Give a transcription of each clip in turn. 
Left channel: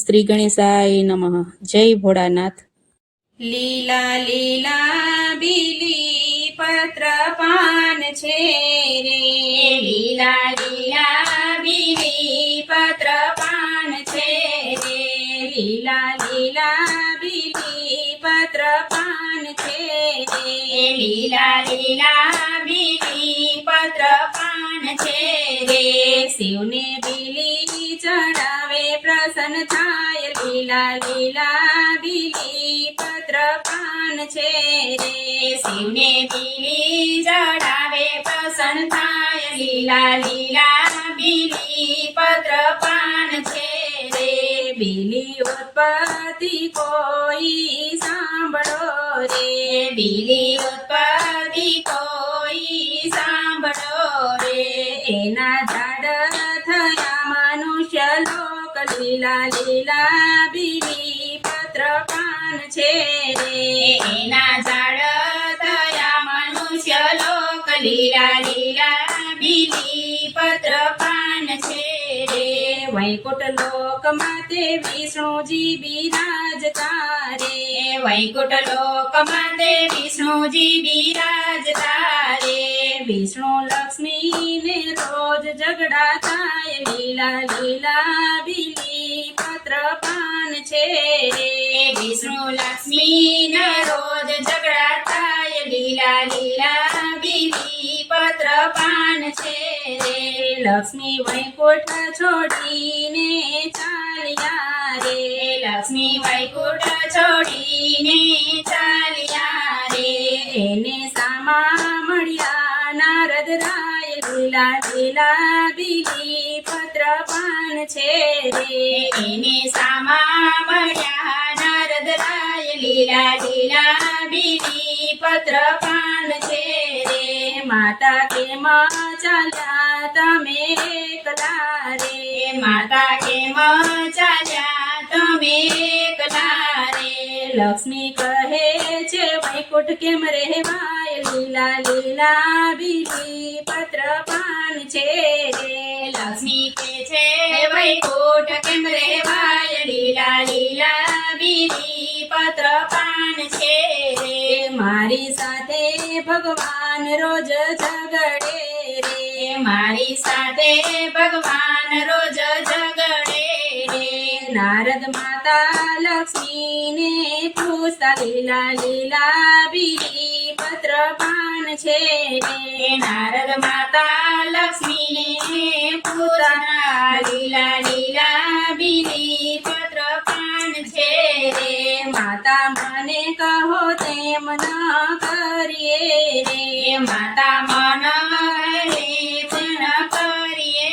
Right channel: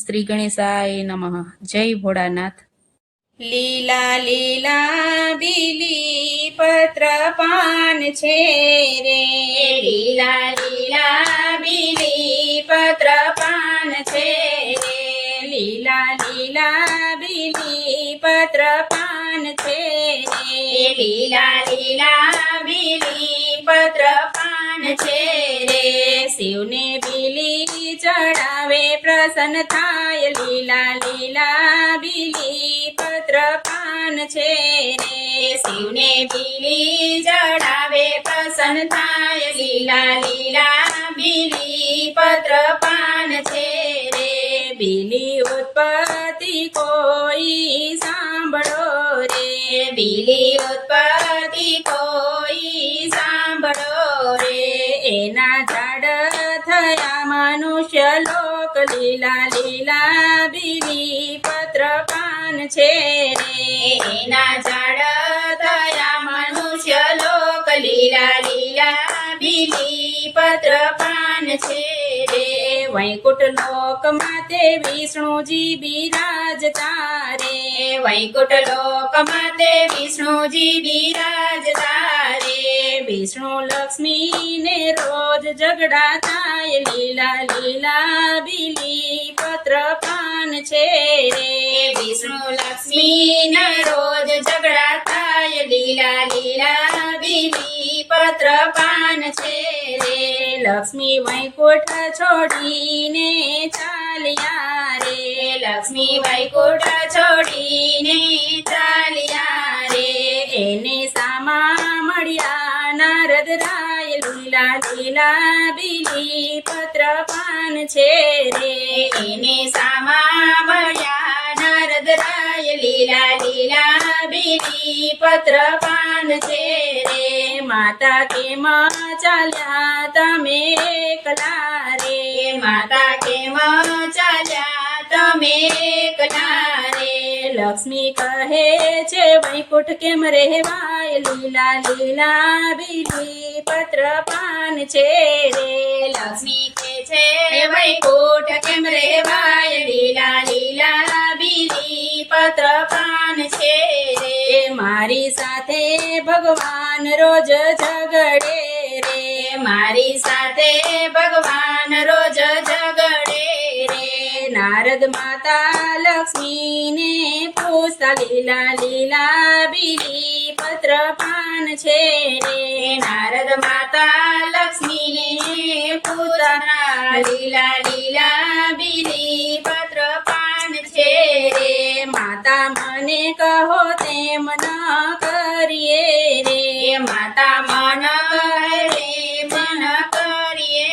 શ્રી ગણેશાય નમઃ. જય ભોળાનાથ. લીલા લીલા બીલી પત્ર પાન છે રે, લીલા લીલા બીલી પત્ર પાન છે રે, લીલા લીલા બીલી પત્ર પાન છે રે, લીલા લીલા બીલી પત્ર પાન છે રે. શિવને બીલી ચડાવે પ્રસન્ન થાય, લીલા લીલા બીલી પત્ર પાન છે રે. શિવને બીલી ચડાવે પ્રસન્ન થાય, લીલા લીલા બીલી પત્ર પાન છે રે. બીલી ઉત્પત્તિ કોઈ સાંભળો રે, બીલી ઉત્પત્તિ કોઈ સાંભળો રે. એના ઝાડ થયા મનુષ્ય લોક, લીલા લીલા બીલી પત્ર પાન છે રે. એના ઝાડ થયા મનુષ્ય લોક, લીલા લીલા બીલી પત્ર પાન છે રે. વૈકુંઠ લોકમાં તે વિષ્ણુજી બિરાજતા રે, વૈકુંઠ લોકમાં તે વિષ્ણુજી બિરાજતા રે. વિષ્ણુ લક્ષ્મીને રોજ ઝઘડા થાય, લીલા લીલા બીલી પત્ર પાન છે રે. વિષ્ણુ લક્ષ્મીના રોજ ઝઘડા થાય, લીલા લીલા બીલી પત્ર પાન છે રે. લક્ષ્મી વૈકુંઠ છોડીને ચાલ્યા રે, લક્ષ્મી વૈકુંઠ છોડીને ચાલ્યા રે. એને સામા મળ્યા નારદ રાય, લીલા લીલા બીલી પત્ર પાન છે રે. એને સામા મળ્યા નારદ રાય, લીલા લીલા બીલી પત્ર પાન છે રે. માતા કેમ ચાલ્યા તમે એકલા રે, માતા કેમ ચાલ્યા તમે એકલા રે. લક્ષ્મી કહે છે વૈકુંઠ કેમ રહેવાય, લીલા લીલા બીલી પત્ર પાન છે રે. લક્ષ્મી કહે છે વૈકુંઠ કેમ રહેવાય, લીલા લીલા બીલી પત્ર પાન છે રે. મારી સાથે ભગવાન રોજ ઝગડે રે, મારી સાથે ભગવાન રોજ ઝગડે રે. નારદ માતા લક્ષ્મીને પૂછતા, લીલા લીલા બીલી પત્ર પાન છે રે. નારદ માતા લક્ષ્મીને પૂછતા, લીલા લીલા બીલી પત્ર પાન છે રે. માતા મને કહો તેમ ન કરીએ રે, માતા મન મન કરીએ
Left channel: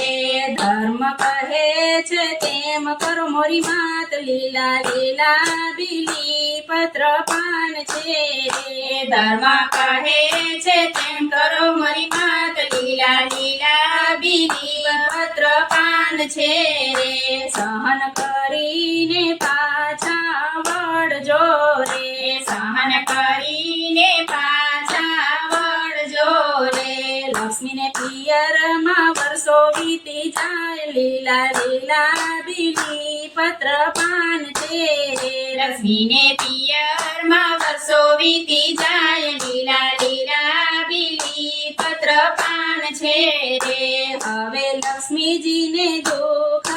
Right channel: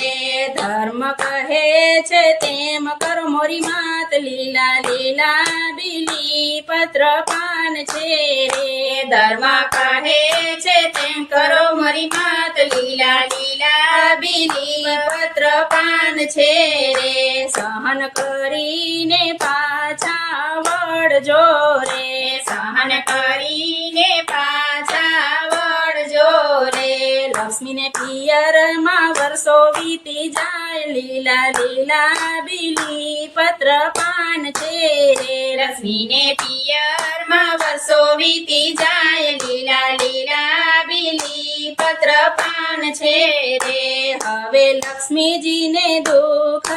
રે. ધર્મ કહે છે તેમ કરો મોરી માત, લીલા લીલા બીલી પત્ર પાન છે રે. ધર્મ કહે છે તેમ કરો મોરી માત, લીલા લીલા બીલી પત્ર પાન છે રે. સહન કરીને પાછા વળજો રે, સહન કરીને પાછા વળજો રે. લક્ષ્મીને પિયરમાં વર્ષો વીતી જાય, લીલા લીલા બીલી પત્ર પાન છે રે. લક્ષ્મીને પિયરમાં વર્ષો વીતી જાય, લીલા લીલા બીલી પત્ર પાન છે રે. હવે લક્ષ્મીજીને દુઃખ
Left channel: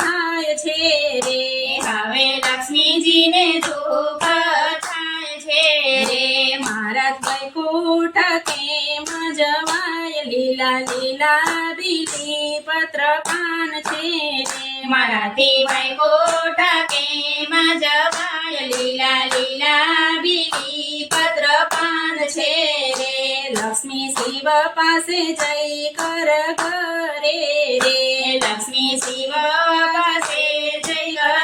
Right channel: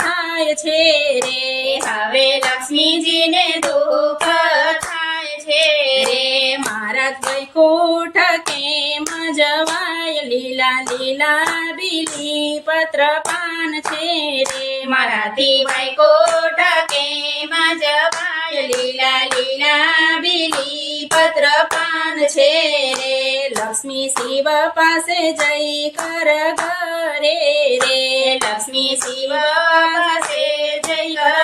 થાય છે રે, હવે લક્ષ્મીજીને દુઃખ થાય છે રે. મારા વૈકુંઠ કેમ જવાય, લીલા લીલા બીલી પત્ર પાન છે રે. મારાથી વૈકુંઠ કેમ જવાય, લીલા લીલા બીલી પત્ર પાન છે રે. લક્ષ્મી શિવ પાસે જઈ કર ઘરે રે, લક્ષ્મી શિવ પાસે જઈ કર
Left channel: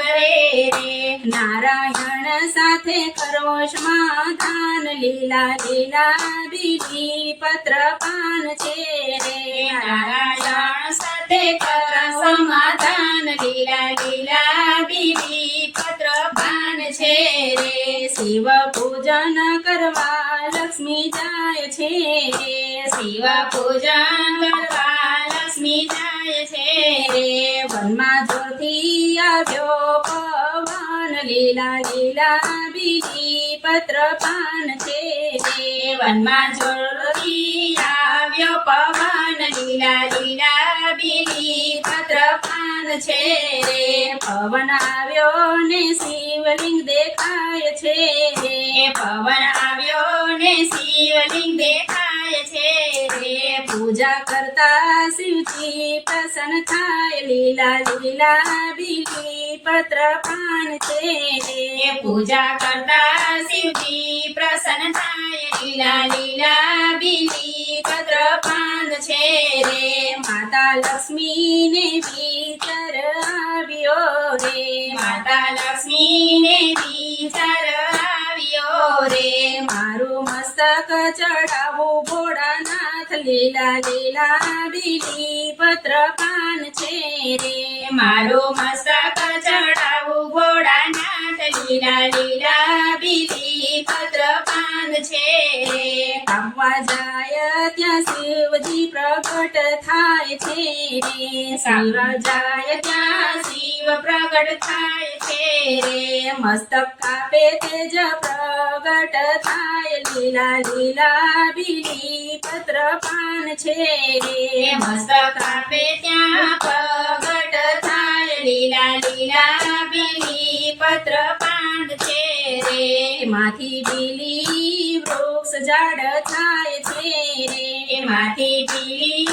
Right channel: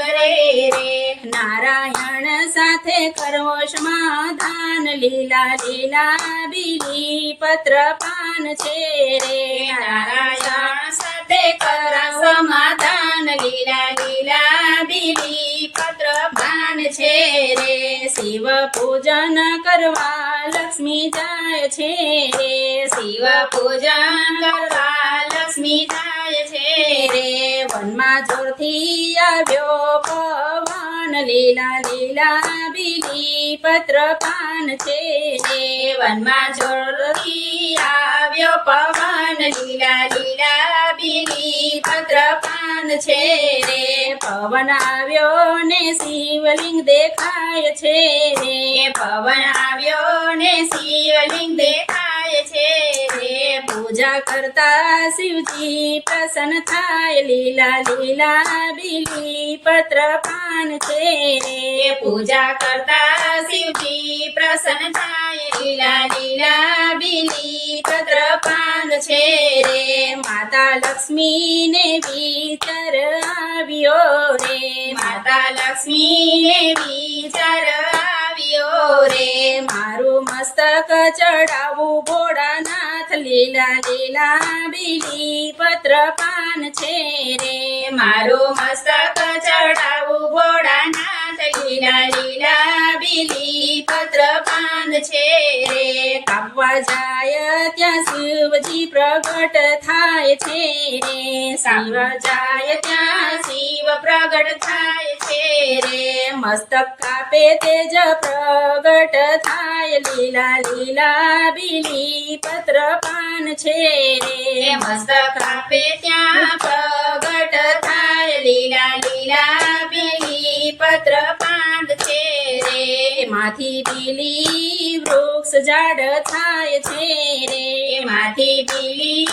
ઘરે રે. નારાયણ સાથે કરો સમાધાન, લીલા લીલા બીલી પત્ર પાન છે રે. નારાયણ સાથે કરા સમાધાન, લીલા લીલા બીલી પત્ર પાન છે રે. શિવ પૂજન કરવા લક્ષ્મી જાય છે રે, શિવ પૂજન કરવા લક્ષ્મી જાય છે રે. વનમાં વનમાં જોરથી આવ્યો પવન લીલા લીલા બીલી પત્ર પાન છે રે વનમાં જોરથી આવ્યો પવન લીલા લીલા બીલી પત્ર પાન છે રે પવન આવ્યો ને શિવલિંગ દેખાય છે રે પવન આવ્યો ને શિવલિંગ દેખાય છે રે પૂજા કરતા શિવજી પ્રસન્ન થાય લીલા લીલા બીલી પત્ર પાન છે રે પૂજા કરતા શિવજી પ્રસન્ન થાય લીલા લીલા બીલી પત્ર પાન છે રે માતા લક્ષ્મીને વિચાર આવ્યો રે માતા લક્ષ્મીને વિચાર આવ્યો રે મારું મસ્તક ચડાવું ભોળાનાથ લીલા લીલા બીલી પત્ર પાન છે રે મારું મસ્તક ચડાવું ભોળાનાથ લીલા લીલા બીલી પત્ર પાન છે રે કાપવા જાય ત્યાં શિવજી પ્રગટ થાય છે રે શિવ જાય ત્યાં શિવ પ્રગટ થાય છે રે મસ્તક કાપે તેજ પ્રગટ થાય લીલા લીલા બીલી પત્ર પાન છે રે મસ્તક કાપે ત્યાં પ્રગટ થાય લીલા લીલા બીલી પત્ર પાન છે રે માથી બીલી વૃક્ષ ઝાડ થાય છે રે માથી બીલી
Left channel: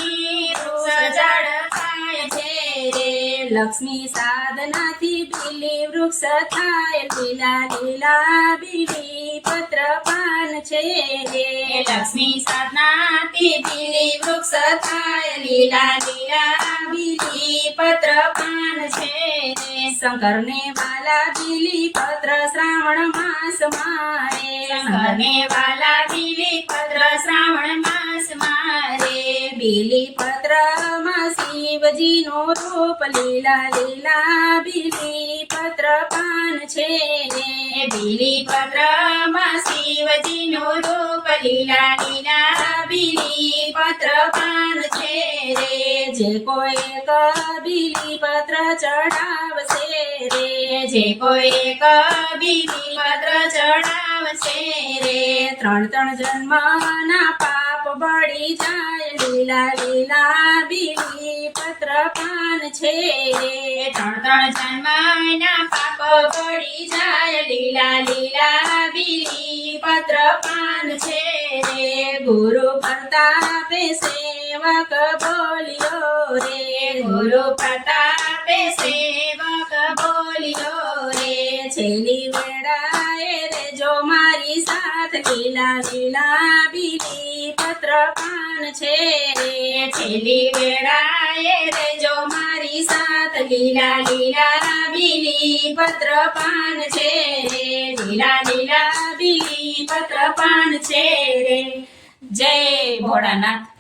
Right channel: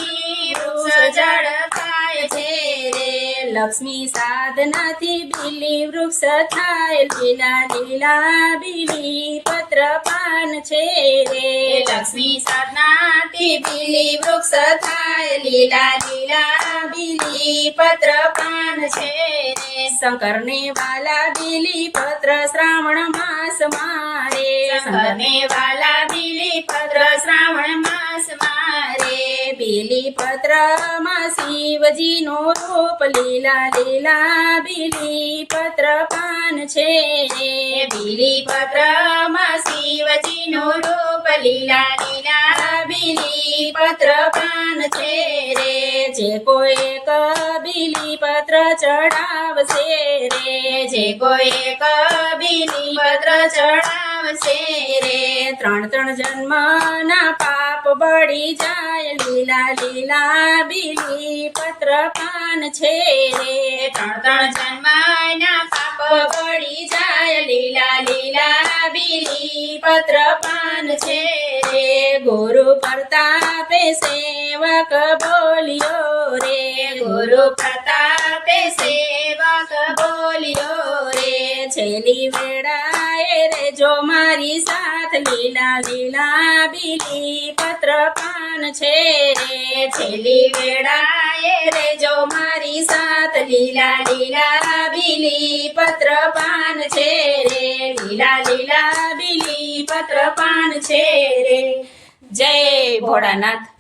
વૃક્ષ ઝાડ થાય છે રે લક્ષ્મી સાધનાથી બીલી વૃક્ષ થાય લીલા લીલા બીલી પત્ર પાન છે રે લક્ષ્મી સાધનાથી બીલી વૃક્ષ થાય લીલા લીલા બીલી પત્ર પાન છે રે શંકરને વાલા બીલી પત્ર શ્રાવણ માસ મારે શંકરને વાલા બીલી પત્ર શ્રાવણ માસ મારે બીલી પત્ર માં શિવજીનો રૂપ લીલા લીલા બીલી પત્ર પાન છે રે બીલી પત્ર માં શિવજીનો રૂપ લીલા લીલા બીલી પત્ર પાન છે રે જે કોઈ એક બીલી પત્ર ચડાવશે રે જે કોઈ એક બીલી પત્ર ચડાવશે રે ત્રણ જન્મના પાપ બળી જાય લીલા લીલા બીલી પત્ર પાન છે રે ત્રણ જન્મના પાપ બળી જાય લીલા લીલા બીલી પત્ર પાન છે રે ગુરુ પ્રતાપે સેવક બોલ્યો રે ગુરુ પ્રતાપે સેવક બોલ્યો રે છેલ્લી વેળાએ રે જો મારી સાથ લીલા લીલા બીલી પત્ર પાન છે રે છેલ્લી વેળાએ રે જો મારી સાથ લીલા લીલા બીલી પત્ર પાન છે રે લીલા લીલા બીલી પત્ર પાન છે રે જય ભોળાનાથ